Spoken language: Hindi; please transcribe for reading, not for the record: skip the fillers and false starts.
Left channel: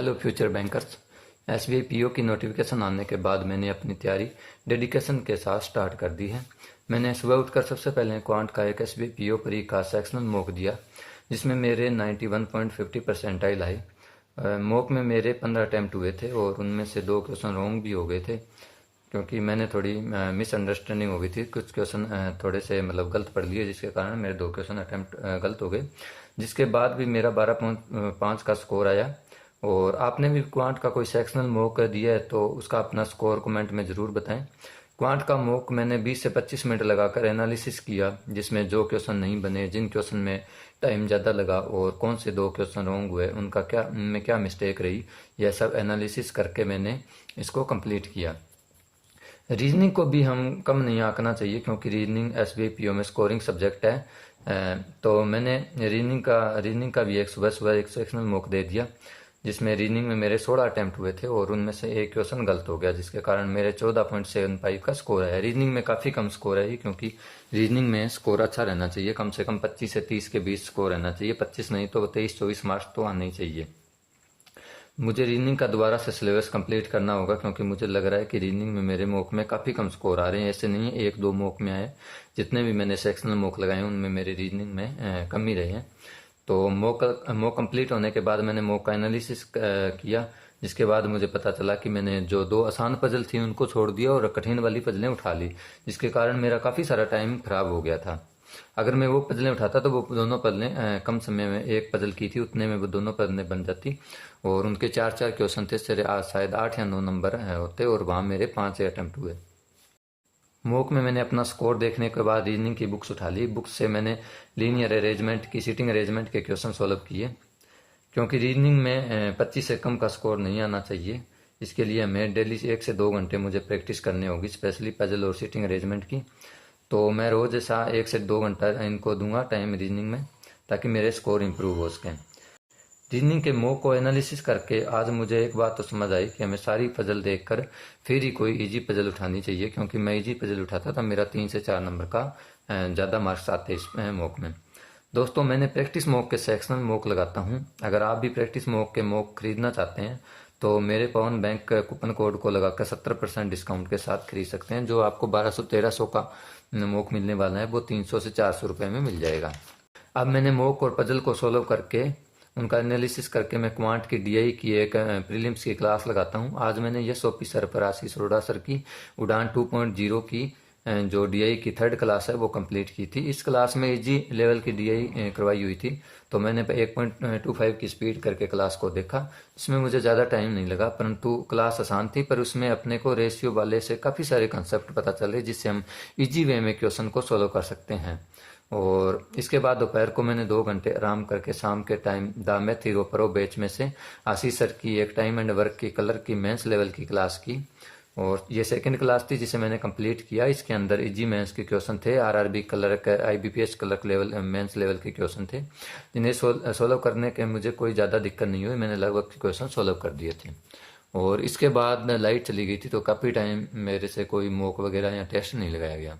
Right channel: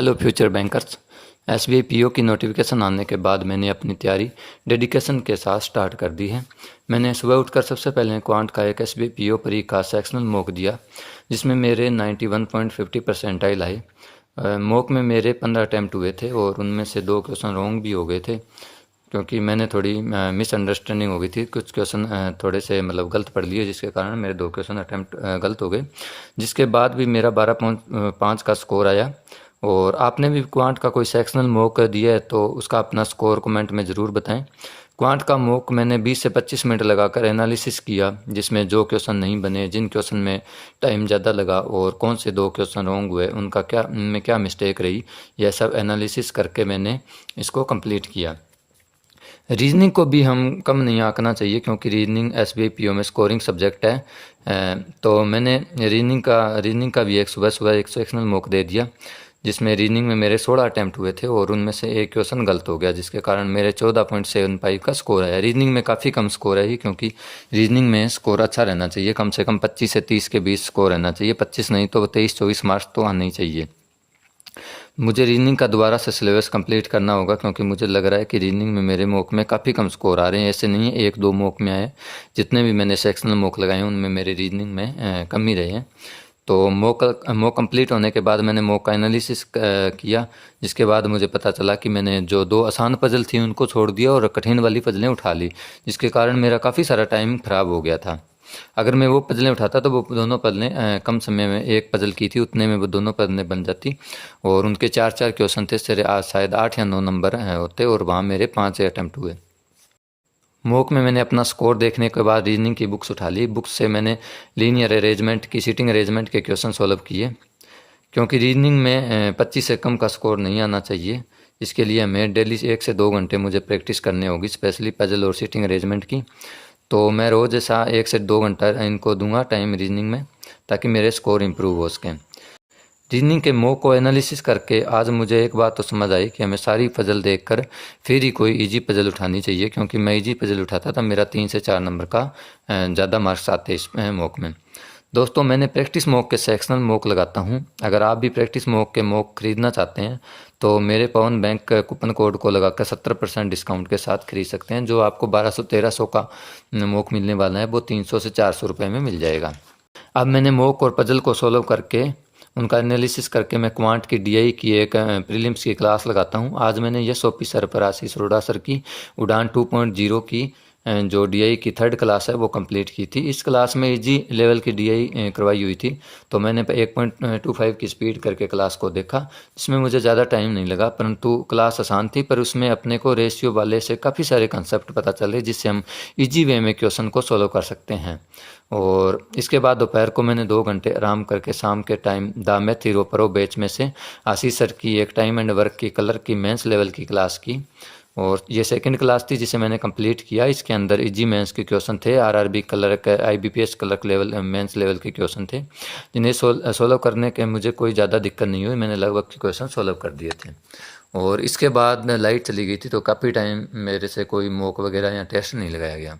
Hello future bankers. SBI PO की नोटिफिकेशन आने के बाद मैंने अपनी तैयारी डेडिकेशन के साथ स्टार्ट कर दी है। मैंने सुबह उठकर सबसे पहले क्वांट का एक एसबीआई पीओ परी का सेक्शनल मॉक दिया, जिसमें मेरे 91.50 परसेंटाइल आए। मॉक में मेरे 15 अटैम्प्ट हुए थे और उनमें से 2 क्वेश्चन रॉन्ग भी हो गए थे, क्योंकि मैंने थोड़ी मिसअंडरस्टैंडिंग हो गई थी। कुछ क्वेश्चन थोड़े से गलत पढ़ लिए, जिसके कारण मेरे 2 क्वेश्चन अटैम्प्ट गलत हो गए, जिसके बाद भी मेरा 12.5 का स्कोर आया। और आपने भी क्वांट का कोई सेक्शनल मॉक दिया है तो उसका अपना स्कोर कमेंट में ज़रूर बताएं। क्वांट का मॉक मैंने 20 से 25 मिनट लगाकर एनालिसिस किया, जिसमें जो क्वेश्चन नहीं बने, जिन क्वेश्चन में टाइम ज़्यादा लगा और कौन से 2 क्वेश्चन रॉन्ग हुए, उनमें क्या मिस्टेक रही, यह सब एनालिसिस करके मैंने इसको कंप्लीट किया। रीजनिंग को भी हम कम नहीं आंकना चाहिए, क्योंकि रीजनिंग एसबीआई पीओ में स्कोरिंग सब्जेक्ट है। तो मैंने रीजनिंग का भी एक सुबह एक सेक्शनल मॉक दे दिया, जिसमें रीजनिंग में मेरे 16 अटैम्प्ट हुए थे और उनमें से एक क्वेश्चन गलत हो गया, जिसके कारण मेरे 14.75 का स्कोर है। रीजनिंग में काफ़ी कम स्कोर है, क्योंकि रीजनिंग में स्कोर अच्छा रहना चाहिए, कम से कम 25 से 30 के बीच स्कोर रहना चाहिए। 25 नहीं तो 23-24 मार्क्स तो आने ही चाहिए। मुझे रीजनिंग का दोबारा से सिलेबस कंप्लीट करना होगा, क्योंकि मुझे लग रहा है कि रीजनिंग में मेरे मॉक में काफ़ी कम स्कोर आ रहे हैं। ऐसे नहीं है 1-2 मॉक में आए, जितने भी मैंने सेक्शनल मॉक लगाए हैं उनमें मेरे रीजनिंग में कम ही रहे हैं। तो मॉक कंप्लीट होने के बाद मैंने मॉक का एनालिसिस किया, जिसके बाद मुझे पता चला कि मैंने जो 2 आसान पजल थी उनको छोड़ दिया और कठिन वाली पजलें उठा ली, जिसके कारण मेरा काफ़ी सारा टाइम खराब हो गया था। अगर मैं वो पजलें उठाता तो वो दोनों पजलें कम समय में, एक पजल की थी उतने में वो दोनों पजलें बन जाती, और उनके 4-4 क्वेश्चन थे, सिर्फ शायद 8 या 9 नंबर होते, और वहाँ मेरे 5 अटैम्प्ट हुए। मॉक में मैंने अपना स्कोर देखने के बाद रीजनिंग की बुक्स उठा ली। बुक्स से मैंने लीनियर अरेंजमेंट की, सीटिंग अरेंजमेंट के क्वेश्चन सॉल्व किए, क्योंकि रीजनिंग में 25 से कम का स्कोर नहीं आना चाहिए। इसके लिए हमें डेली 1 से 2 घंटे मुझे प्रैक्टिस करनी होगी, स्पेशली पजल और सीटिंग अरेंजमेंट की। तो मैं रोज़ ऐसा 1 से 2 घंटा इनको दूंगा टाइम रीजनिंग में, ताकि मेरे स्कोर इंप्रूव हो सकें। रीजनिंग के मॉक को एनालिसिस करके आज मुझे एक बात तो समझ आई कि हमें सारी पजल देखकर फिर ही कोई इजी पजल उठानी चाहिए, क्योंकि मैं इजी पजल उठाता था मेरा 3 से 4 नंबर का ज़्यादा मार्क्स आते इस मॉक में। दोस्तों, मैंने प्रैक्टिस मॉक के सेक्शनल मॉक लगाता हूं। अगर आप भी प्रैक्टिस मॉक के मॉक खरीदना चाहते हैं तो मेरे पवन बैंक कूपन कोड को लगाकर 70% डिस्काउंट के साथ खरीद सकते हैं। जो आपको 1200-1300 का मॉक मिलने वाला है, वो 300 से 400 रुपये में मिल जाएगा। अब मैंने मॉक और पजल को सोल्व करके उनका एनालिसिस करके मैं क्वांट की डीआई की एक प्रीलिम्स की क्लास लगाता हूं। आज मैंने यशोपी सर पर, आशीष अरोड़ा सर की उड़ान 2.0 की जो डीआई की 3rd क्लास है वो कंप्लीट की थी। इस क्लास में इजी लेवल की डीआई करवाई हुई थी, तो मैंने 1.25 की स्पीड करके क्लास को देखा। इसमें मुझे ज़्यादा टाइम नहीं लगा, परंतु क्लास आसान थी, पर उसमें अपने को रेशियो वाले से काफ़ी सारे कंसेप्ट पता चले, जिससे हम इजी वे में क्वेश्चन को सोल्व कर सकते हैं। और इसके बाद दोपहर को मैंने 2 घंटे आराम करके शाम के time the math hero pro batch में से आशीष सर की एक टाइम एंड वर्क की कलर की मेंस लेवल की क्लास की, और ये 2nd क्लास थी जिसे मैंने कंप्लीट किया। इसके अंदर इजी मेंस के क्वेश्चन थे, आरआरबी कलर के, IBPS clerk level mains level के क्वेश्चन थे, जिन्हें सोल्व करने के मुझे कोई ज़्यादा दिक्कत नहीं हुई। मैंने लगभग क्वेश्चन सोल्व कर दिए थे। और इसके बाद लाइट चली गई थी, तो काफ़ी टाइम मेरे से कोई मॉक वगैरह या टेस्ट नहीं लगाया गया।